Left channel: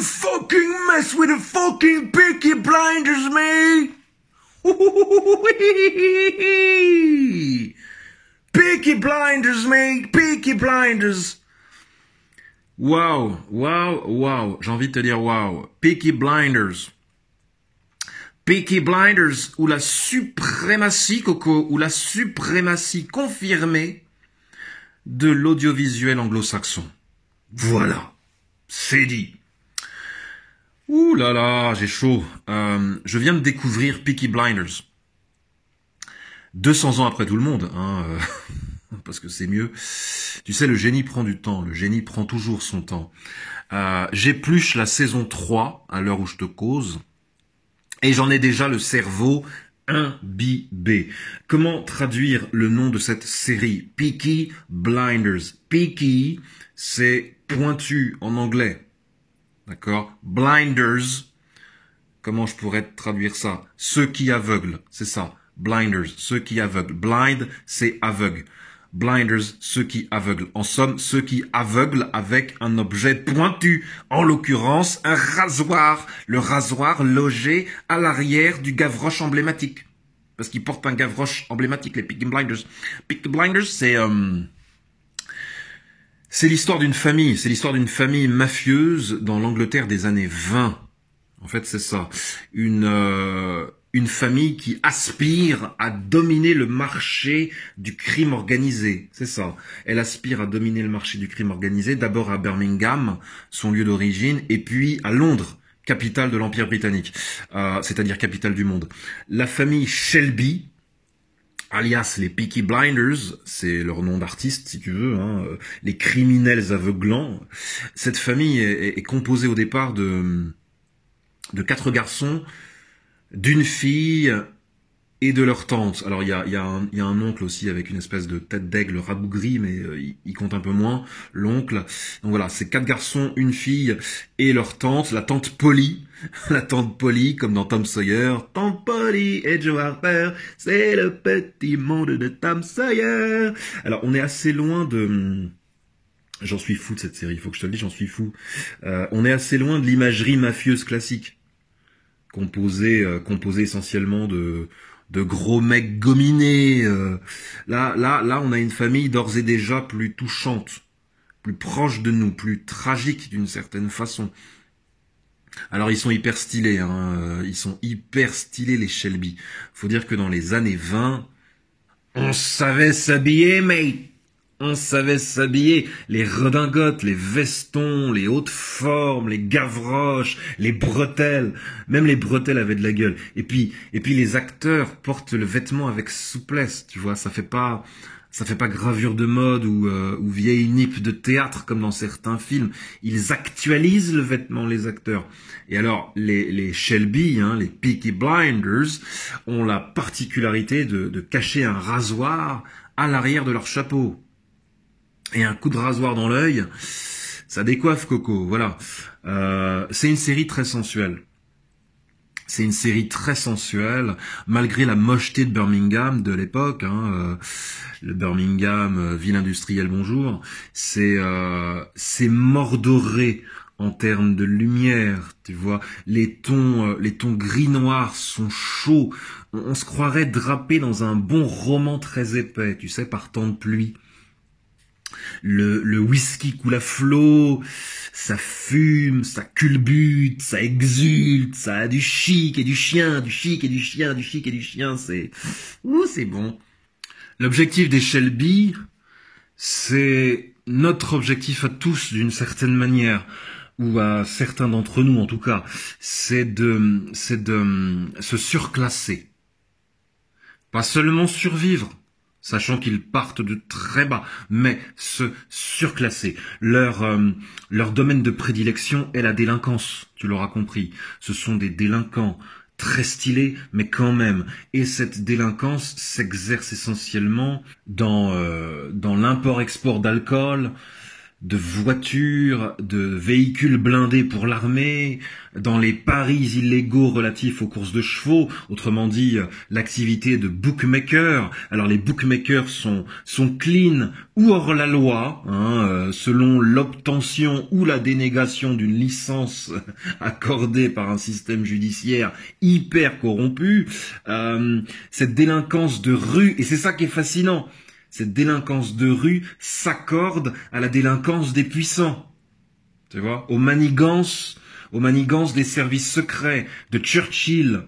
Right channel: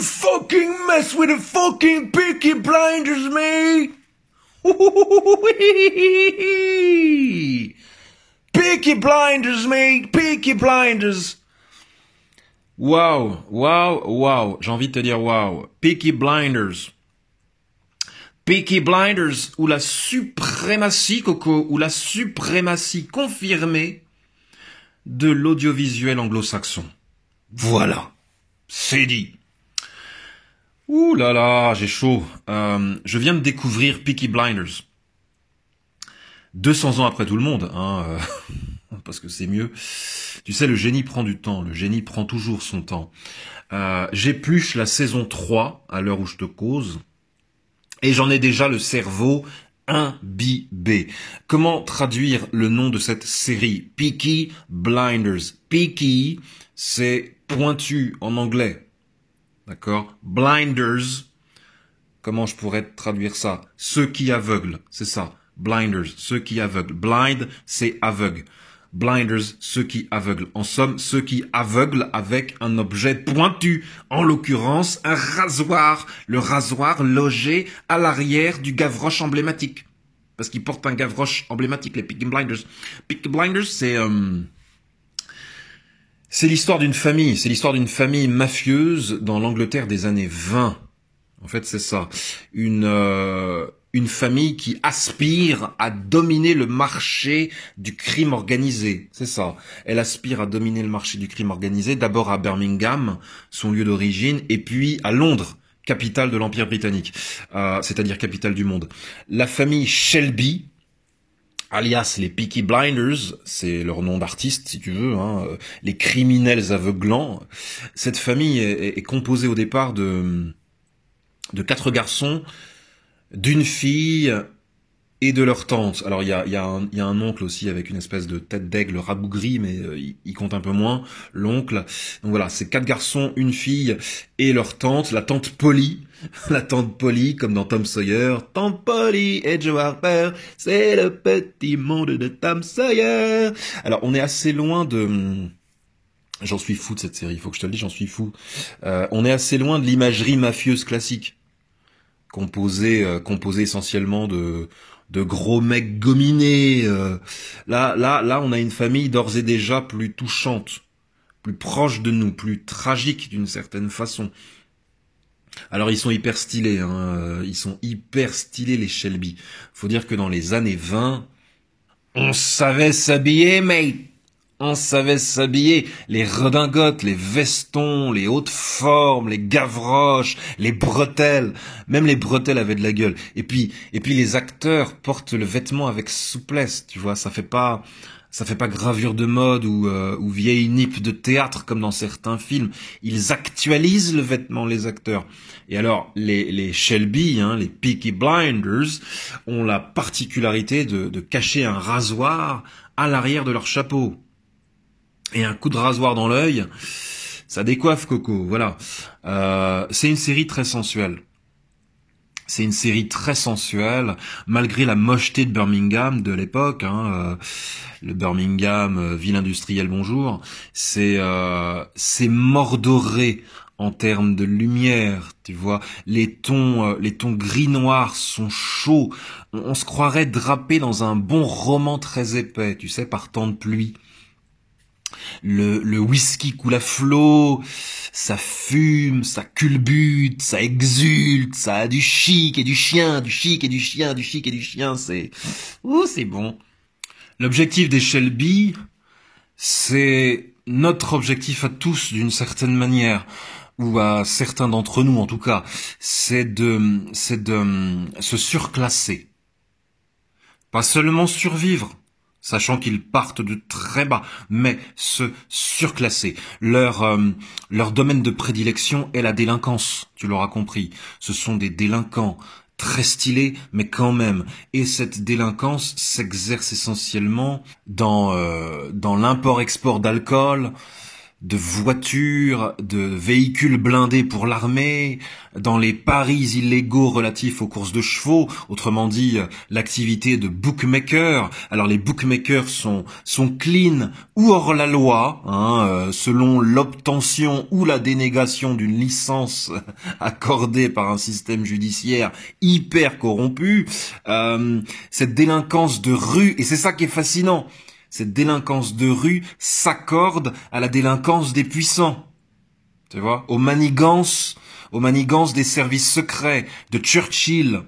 Don't fucking mess with the fucking Peaky Blinders, mate! Peaky Blinders, mate! Peaky Blinders! Wow, wow, wow. J'ai envie de te dire wow. Peaky Blinders. Peaky Blinders, ou la suprématie, Coco, ou la suprématie confirmée de l'audiovisuel anglo-saxon. Voilà. C'est dit. Ouh là là, j'ai chaud. Je viens de découvrir Peaky Blinders. 200 ans après tout le monde, hein, parce que c'est mieux. Tu sais, le génie prend du temps, le génie prend toujours son temps. J'épluche la saison 3 à l'heure où je te cause, et j'en ai déjà le cerveau imbibé. Comment traduire le nom de cette série? Peaky Blinders. Peaky, c'est pointu en anglais. D'accord? Blinders, comment je pourrais traduire ça? Ceux qui aveuglent, c'est ça. Blinders, ceux qui aveuglent. Blind, c'est aveugle. Blinders, ceux qui aveuglent. En somme, ceux qui aveuglent avec un objet pointu. En l'occurrence, un rasoir. Le rasoir logé à l'arrière du gavroche emblématique. Parce qu'ils portent un gavroche emblématique, les Peaky Blinders. Peaky Blinders, c'est l'histoire d'une famille. C'est l'histoire d'une famille mafieuse dans l'Angleterre des années 20. En fait, c'est ça. Une famille qui aspire à dominer le marché du crime organisé. C'est ça. Elle aspire à dominer le marché du crime organisé, d'abord à Birmingham, son lieu d'origine, et puis à Londres, capitale de l'Empire britannique, c'est-à-dire capitale du monde. La famille Shelby, alias les Peaky Blinders, c'est leur nom d'artiste si tu veux, hein, les criminels aveuglants. Cette famille est composée au départ de 4 garçons, d'une fille et de leur tante. Alors il y a un oncle aussi avec une espèce de tête d'aigle rabougrie, mais il compte un peu moins, l'oncle. Donc voilà, c'est 4 garçons, une fille et leur tante, la tante Polly. La tante Polly, comme dans Tom Sawyer. Tante Polly et Joe Harper, c'est le petit monde de Tom Sawyer. Alors on est assez loin de... J'en suis fou de cette série, il faut que je te le dise, j'en suis fou. On est assez loin de l'imagerie mafieuse classique. Composé essentiellement de gros mecs gominés. Là, on a une famille d'ores et déjà plus touchante, plus proche de nous, plus tragique d'une certaine façon. Alors ils sont hyper stylés, hein, ils sont hyper stylés les Shelby. Faut dire que dans les années 20, on savait s'habiller, mate. On savait s'habiller, les redingotes, les vestons, les hautes formes, les gavroches, les bretelles. Même les bretelles avaient de la gueule. Et puis les acteurs portent le vêtement avec souplesse, tu vois. Ça fait pas gravure de mode ou vieille nippe de théâtre comme dans certains films. Ils actualisent le vêtement, les acteurs. Et alors, les Shelby, hein, les Peaky Blinders, ont la particularité de cacher un rasoir à l'arrière de leur chapeau. Et un coup de rasoir dans l'œil, ça décoiffe Coco, voilà. C'est une série très sensuelle. C'est une série très sensuelle, malgré la mocheté de Birmingham de l'époque, hein, le Birmingham, ville industrielle, bonjour. C'est mordoré en termes de lumière, tu vois. Les tons gris-noir sont chauds. On se croirait drapé dans un bon roman très épais, tu sais, par temps de pluie. Le whisky coule à flot, ça fume, ça culbute, ça exulte, ça a du chic et du chien, du chic et du chien, du chic et du chien, c'est bon. L'objectif des Shelby, c'est notre objectif à tous d'une certaine manière, ou à certains d'entre nous en tout cas, c'est de se surclasser. Pas seulement survivre, sachant qu'ils partent de très bas, mais se surclasser. Leur domaine de prédilection est la délinquance, tu l'auras compris. Ce sont des délinquants très stylés, mais quand même. Et cette délinquance s'exerce essentiellement dans l'import-export d'alcool, de voitures, de véhicules blindés pour l'armée, dans les paris illégaux relatifs aux courses de chevaux, autrement dit l'activité de bookmaker. Alors les bookmakers sont clean ou hors la loi, selon l'obtention ou la dénégation d'une licence accordée par un système judiciaire hyper corrompu. Cette délinquance de rue, et c'est ça qui est fascinant, cette délinquance de rue s'accorde à la délinquance des puissants. Tu vois, aux manigances des services secrets, de Churchill.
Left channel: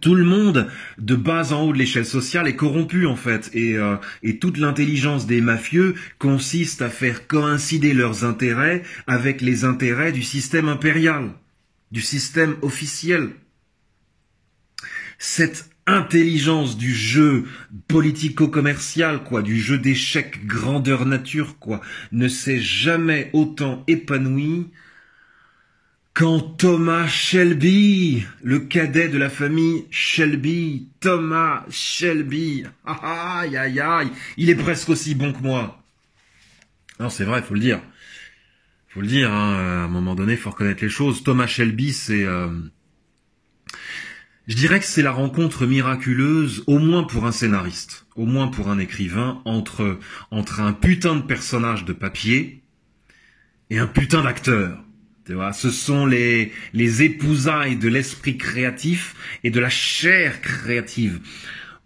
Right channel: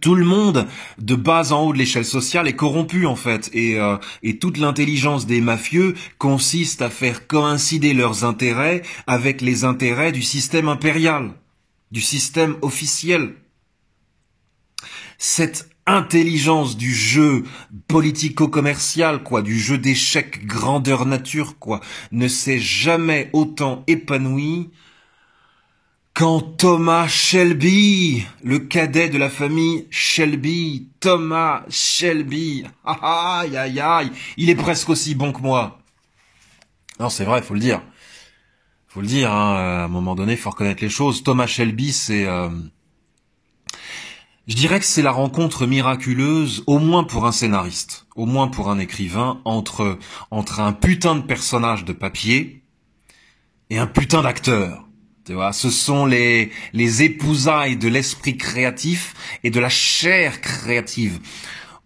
Tout le monde, de bas en haut de l'échelle sociale, est corrompu en fait. Et toute l'intelligence des mafieux consiste à faire coïncider leurs intérêts avec les intérêts du système impérial, du système officiel. Cette intelligence du jeu politico-commercial, quoi, du jeu d'échecs grandeur nature, quoi, ne s'est jamais autant épanoui quand Thomas Shelby, le cadet de la famille Shelby, Thomas Shelby, aïe aïe aïe, il est presque aussi bon que moi. Non, c'est vrai, faut le dire. Faut le dire, à un moment donné, faut reconnaître les choses. Thomas Shelby, c'est... Je dirais que c'est la rencontre miraculeuse, au moins pour un scénariste, au moins pour un écrivain, entre un putain de personnage de papier et un putain d'acteur. Tu vois, ce sont les épousailles de l'esprit créatif et de la chair créative.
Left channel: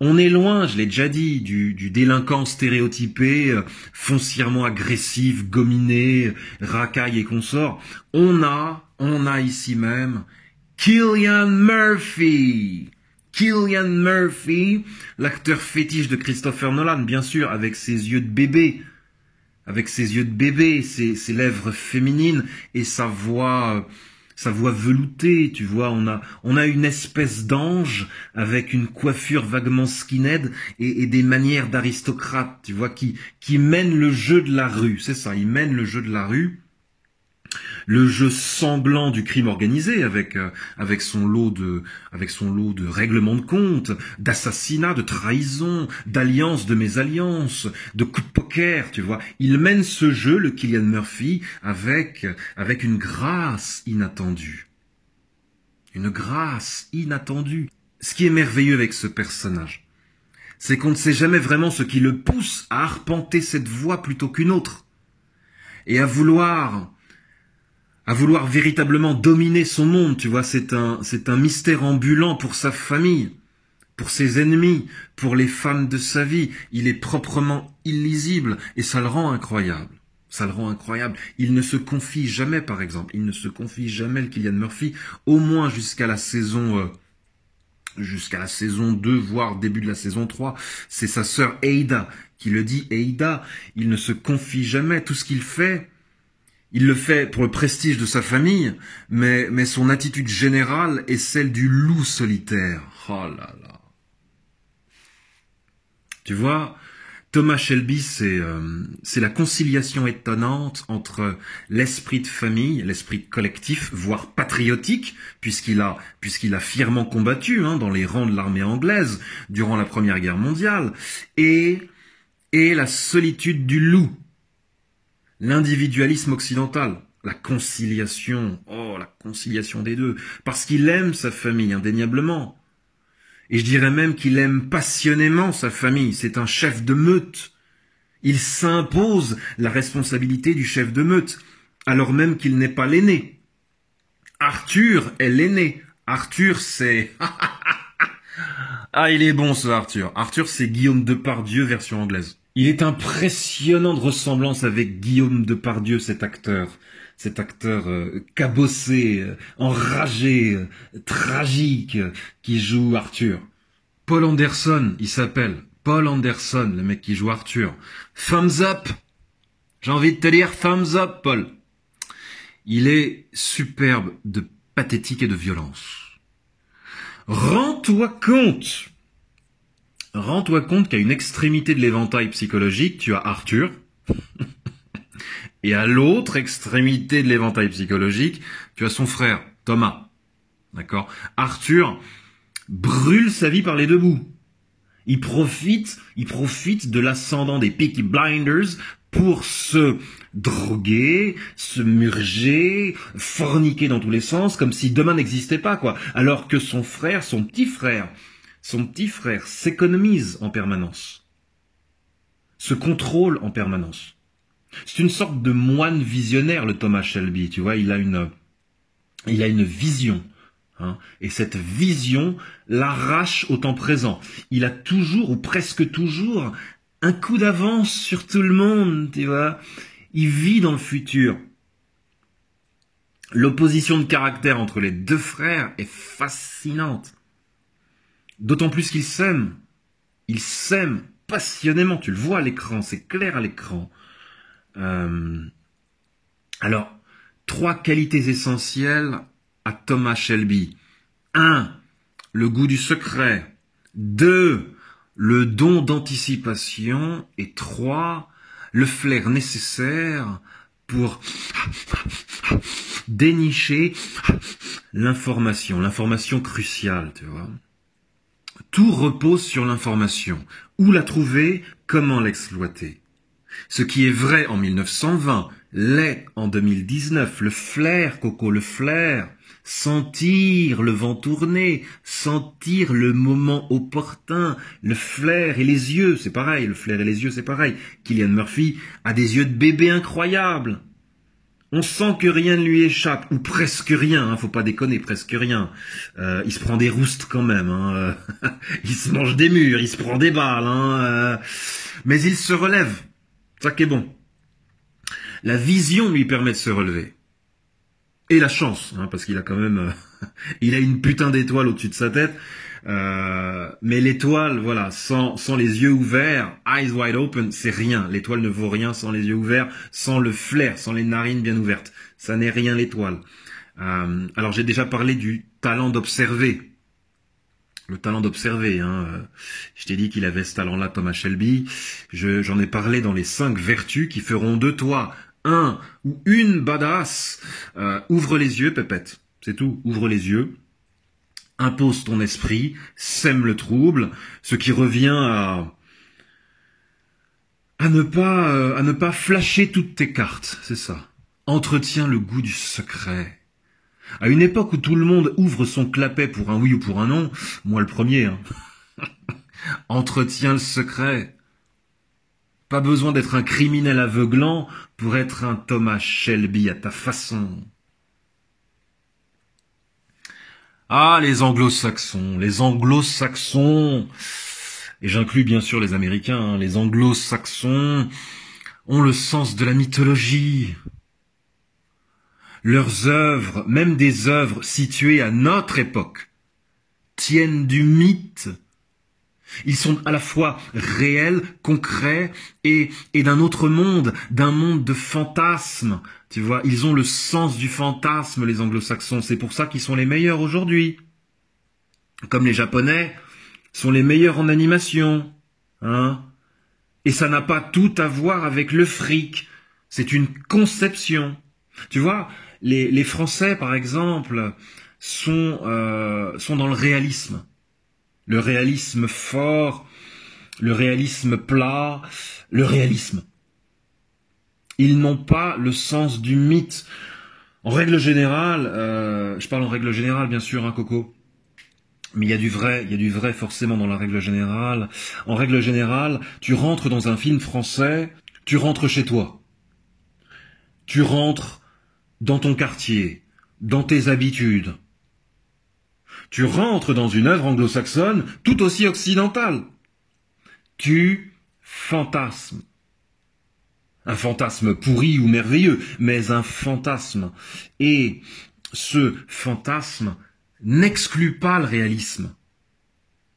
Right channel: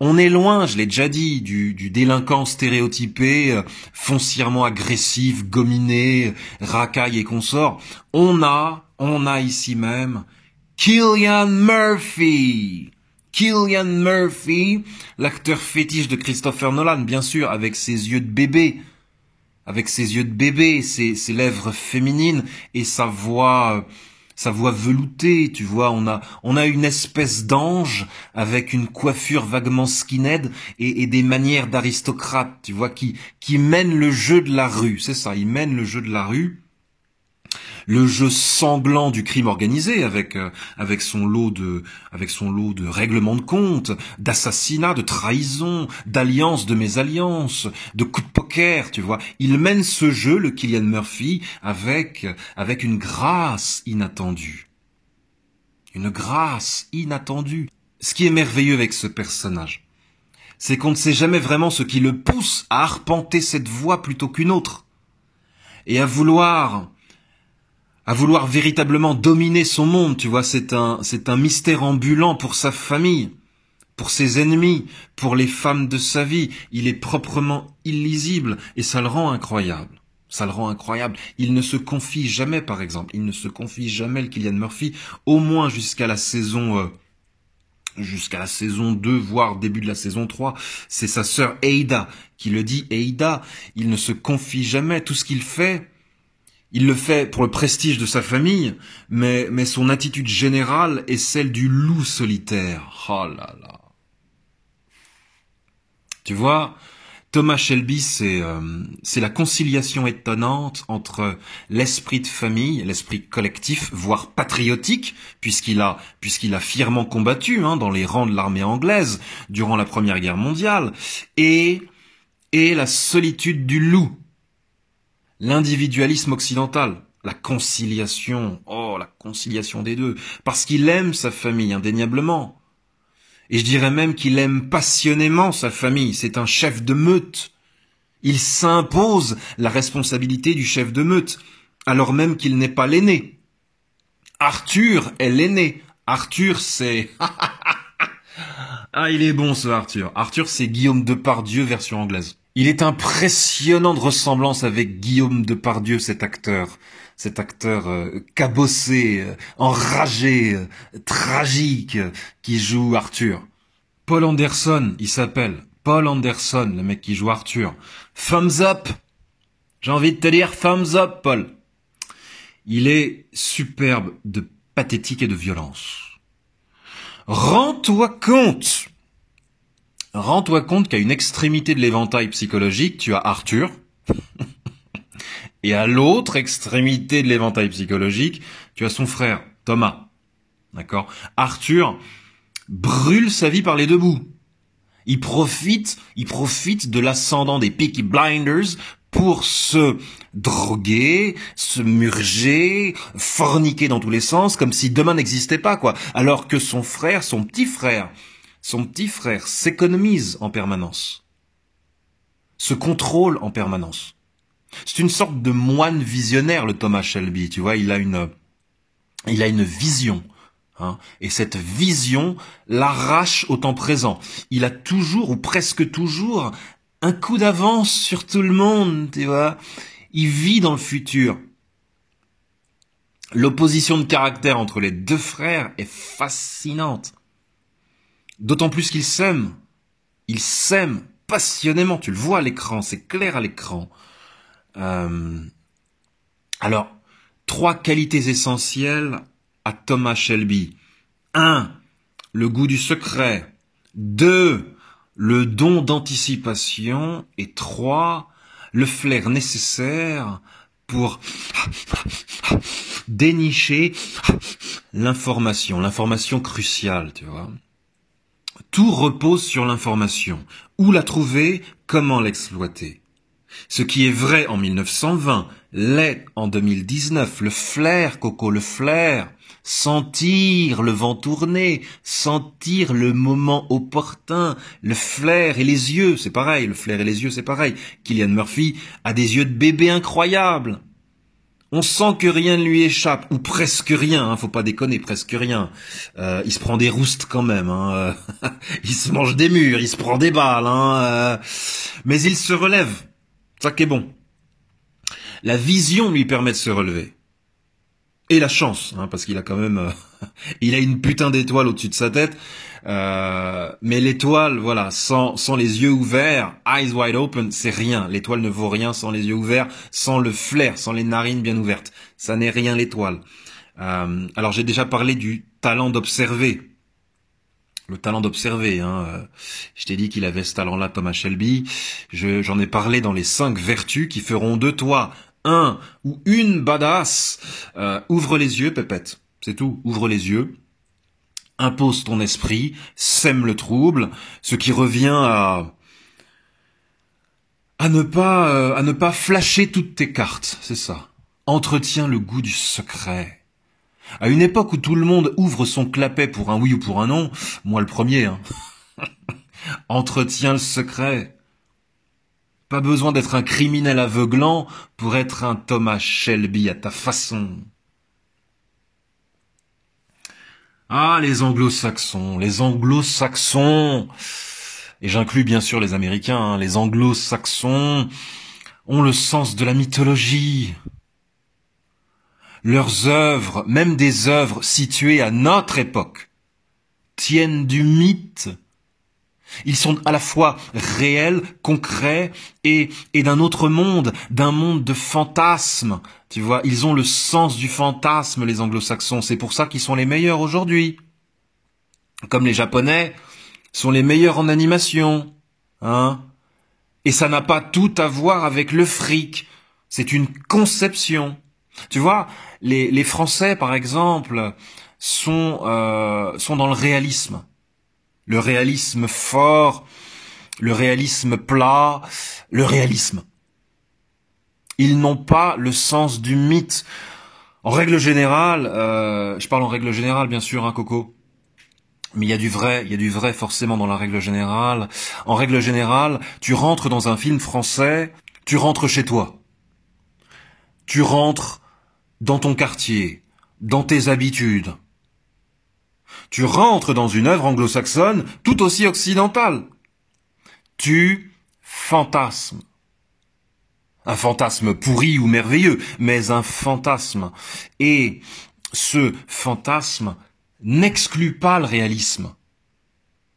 On est loin, je l'ai déjà dit, du délinquant stéréotypé, foncièrement agressif, gominé, racaille et consort. On a ici même Cillian Murphy. Cillian Murphy, l'acteur fétiche de Christopher Nolan, bien sûr, avec ses yeux de bébé. Avec ses yeux de bébé, ses lèvres féminines et sa voix veloutée, tu vois. On a une espèce d'ange avec une coiffure vaguement skinhead et des manières d'aristocrate, tu vois, qui mène le jeu de la rue. C'est ça, il mène le jeu de la rue. Le jeu sanglant du crime organisé avec son lot de règlements de compte, d'assassinats, de trahisons, d'alliances, de mésalliances, de coups de poker, tu vois. Il mène ce jeu, le Cillian Murphy, avec une grâce inattendue. Une grâce inattendue. Ce qui est merveilleux avec ce personnage, c'est qu'on ne sait jamais vraiment ce qui le pousse à arpenter cette voie plutôt qu'une autre. Et à vouloir véritablement dominer son monde, tu vois, c'est un mystère ambulant pour sa famille, pour ses ennemis, pour les femmes de sa vie. Il est proprement illisible et ça le rend incroyable. Ça le rend incroyable. Il ne se confie jamais, par exemple. Il ne se confie jamais, le Cillian Murphy, au moins jusqu'à la saison 2, voire début de la saison 3. C'est sa sœur Ada qui le dit. Ada, il ne se confie jamais. Tout ce qu'il fait, il le fait pour le prestige de sa famille, mais son attitude générale est celle du loup solitaire. Oh là là. Tu vois, Thomas Shelby, c'est la conciliation étonnante entre l'esprit de famille, l'esprit collectif, voire patriotique, puisqu'il a fièrement combattu dans les rangs de l'armée anglaise durant la Première Guerre mondiale, et la solitude du loup. L'individualisme occidental, la conciliation des deux, parce qu'il aime sa famille indéniablement. Et je dirais même qu'il aime passionnément sa famille, c'est un chef de meute. Il s'impose la responsabilité du chef de meute, alors même qu'il n'est pas l'aîné. Arthur est l'aîné. Arthur, c'est... Ah, il est bon ce Arthur. Arthur, c'est Guillaume Depardieu version anglaise. Il est impressionnant de ressemblance avec Guillaume Depardieu, cet acteur cabossé, enragé, tragique, qui joue Arthur. Paul Anderson, il s'appelle. Paul Anderson, le mec qui joue Arthur. Thumbs up. J'ai envie de te dire thumbs up, Paul. Il est superbe de pathétique et de violence. Rends-toi compte qu'à une extrémité de l'éventail psychologique, tu as Arthur, et à l'autre extrémité de l'éventail psychologique, tu as son frère, Thomas. D'accord ? Arthur brûle sa vie par les deux bouts. Il profite de l'ascendant des Peaky Blinders pour se droguer, se murger, forniquer dans tous les sens, comme si demain n'existait pas, quoi. Alors que son petit frère s'économise en permanence, se contrôle en permanence. C'est une sorte de moine visionnaire, le Thomas Shelby, tu vois, il a une vision. Hein, et cette vision l'arrache au temps présent. Il a toujours, ou presque toujours, un coup d'avance sur tout le monde, tu vois. Il vit dans le futur. L'opposition de caractère entre les deux frères est fascinante. D'autant plus qu'ils s'aiment. Ils s'aiment passionnément. Tu le vois à l'écran, c'est clair à l'écran. Alors, 3 qualités essentielles à Thomas Shelby. 1. Le goût du secret. 2. Le don d'anticipation. Et 3. Le flair nécessaire pour dénicher l'information cruciale, tu vois. Tout repose sur l'information. Où la trouver, comment l'exploiter. Ce qui est vrai en 1920 l'est en 2019. Le flair, Coco, le flair. Sentir le vent tourner, sentir le moment opportun, le flair et les yeux, c'est pareil, le flair et les yeux, c'est pareil. Cillian Murphy a des yeux de bébé incroyables. On sent que rien ne lui échappe, ou presque rien, hein, faut pas déconner, presque rien. Il se prend des roustes quand même, hein, il se mange des murs, il se prend des balles, hein, mais il se relève, ça qui est bon. La vision lui permet de se relever. Et la chance, hein, parce qu'il a quand même, il a une putain d'étoile au-dessus de sa tête. Mais l'étoile, voilà, sans les yeux ouverts, eyes wide open, c'est rien. L'étoile ne vaut rien sans les yeux ouverts, sans le flair, sans les narines bien ouvertes. Ça n'est rien l'étoile. Alors j'ai déjà parlé du talent d'observer. Le talent d'observer, hein. Je t'ai dit qu'il avait ce talent-là, Thomas Shelby. J'en ai parlé dans les 5 vertus qui feront de toi un ou une badass. Ouvre les yeux, pépette. C'est tout. Ouvre les yeux. Impose ton esprit. Sème le trouble. Ce qui revient à ne pas flasher toutes tes cartes. C'est ça. Entretiens le goût du secret. À une époque où tout le monde ouvre son clapet pour un oui ou pour un non, moi le premier, hein. Entretiens le secret. Pas besoin d'être un criminel aveuglant pour être un Thomas Shelby à ta façon. Ah, les anglo-saxons, et j'inclus bien sûr les Américains, hein, les anglo-saxons ont le sens de la mythologie. Leurs œuvres, même des œuvres situées à notre époque, tiennent du mythe. Ils sont à la fois réels, concrets et d'un autre monde, d'un monde de fantasmes. Tu vois, ils ont le sens du fantasme, les anglo-saxons. C'est pour ça qu'ils sont les meilleurs aujourd'hui. Comme les Japonais sont les meilleurs en animation. Hein? Et ça n'a pas tout à voir avec le fric. C'est une conception. Tu vois, les Français, par exemple, sont dans le réalisme. Le réalisme fort, le réalisme plat, le réalisme. Ils n'ont pas le sens du mythe. En règle générale, je parle en règle générale bien sûr, hein, Coco, mais il y a du vrai forcément dans la règle générale. En règle générale, tu rentres dans un film français, tu rentres chez toi. Tu rentres dans ton quartier, dans tes habitudes. Tu rentres dans une œuvre anglo-saxonne tout aussi occidentale. Tu fantasmes. Un fantasme pourri ou merveilleux, mais un fantasme. Et ce fantasme n'exclut pas le réalisme.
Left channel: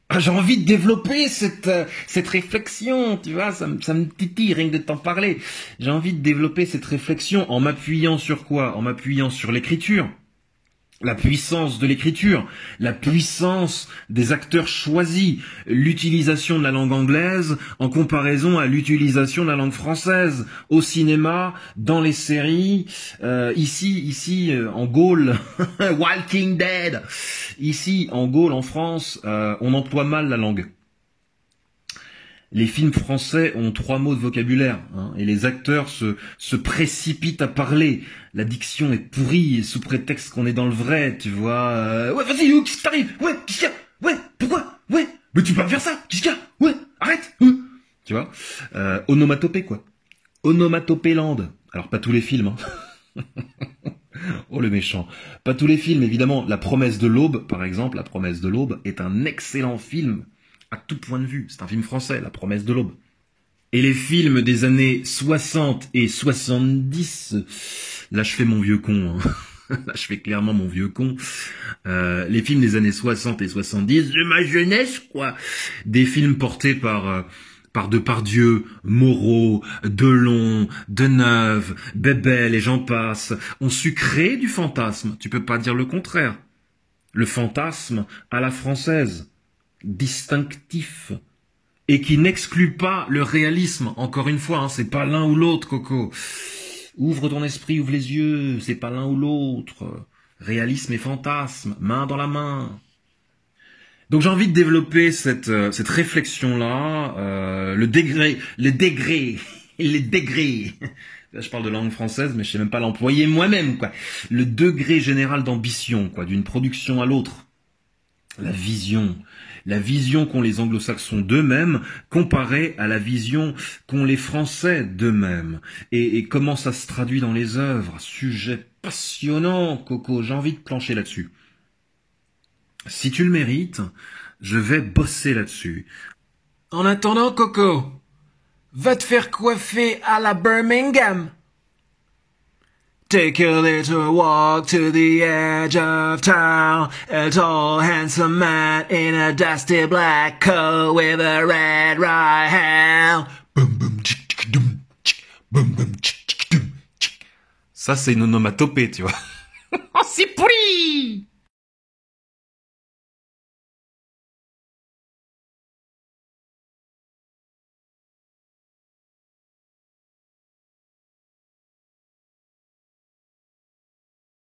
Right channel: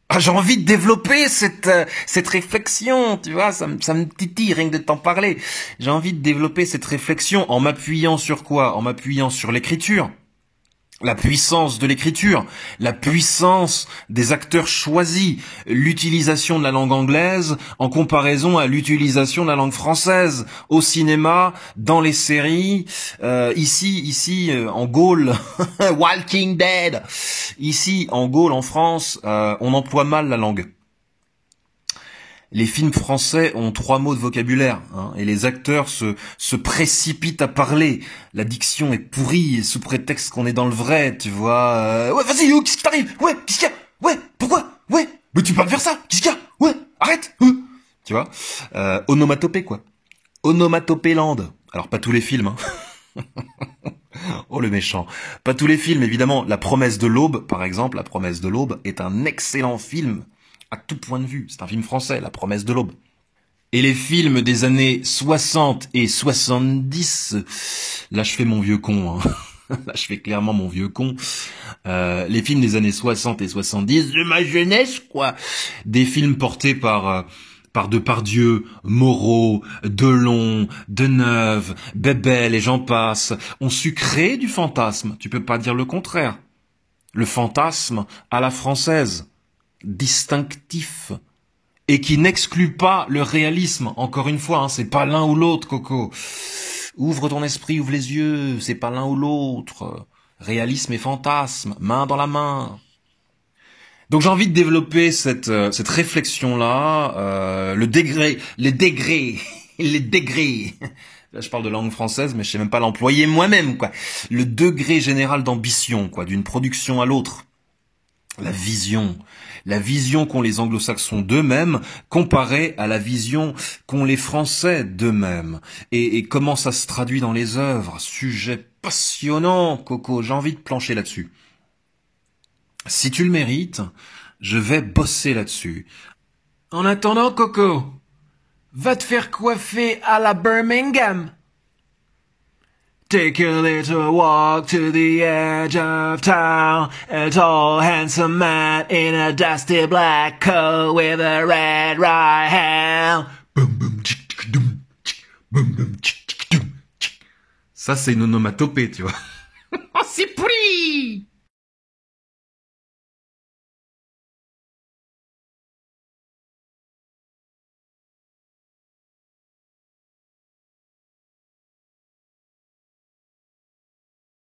Ah, j'ai envie de développer cette réflexion, tu vois, ça me titille rien que de t'en parler. J'ai envie de développer cette réflexion en m'appuyant sur quoi? En m'appuyant sur l'écriture. La puissance de l'écriture, la puissance des acteurs choisis, l'utilisation de la langue anglaise en comparaison à l'utilisation de la langue française au cinéma, dans les séries, ici en Gaule, Walking Dead, ici en Gaule en France, on emploie mal la langue. Les films français ont 3 mots de vocabulaire, hein, et les acteurs se précipitent à parler. La diction est pourrie, sous prétexte qu'on est dans le vrai, tu vois. Ouais, vas-y, qu'est-ce qui t'arrive? Ouais, qu'est-ce qu'il y a? Ouais, pourquoi? Ouais, mais tu peux pas me faire ça? Qu'est-ce qu'il y a? Ouais, arrête. Tu vois, onomatopée, quoi. Onomatopéland. Alors, pas tous les films, hein. Oh, le méchant. Pas tous les films, évidemment. La Promesse de l'Aube, par exemple, La Promesse de l'Aube est un excellent film à tout point de vue. C'est un film français, La Promesse de l'Aube. Et les films des années 60 et 70, là je fais mon vieux con, hein. Là je fais clairement mon vieux con. Les films des années 60 et 70, de ma jeunesse, quoi. Des films portés par Depardieu, Moreau, Delon, Deneuve, Bébel et j'en passe, ont su créer du fantasme. Tu peux pas dire le contraire. Le fantasme à la française, distinctif, et qui n'exclut pas le réalisme. Encore une fois, hein, c'est pas l'un ou l'autre, Coco. Ouvre ton esprit, ouvre les yeux, c'est pas l'un ou l'autre. Réalisme et fantasme, main dans la main. Donc j'ai envie de développer cette réflexion-là, le degré et les degrés. Là, je parle de langue française, mais je sais même pas l'employer moi-même, quoi. Le degré général d'ambition, quoi, d'une production à l'autre. La vision qu'ont les anglo-saxons d'eux-mêmes comparée à la vision qu'ont les Français d'eux-mêmes. Et comment ça se traduit dans les œuvres. Sujet passionnant, Coco, j'ai envie de plancher là-dessus. Si tu le mérites, je vais bosser là-dessus. En attendant, Coco, va te faire coiffer à la Birmingham. Take a little walk to the edge of town. A tall, handsome man in a dusty black coat with a red right hand. Ça, c'est une onomatopée, tu vois. Oh, c'est pourri!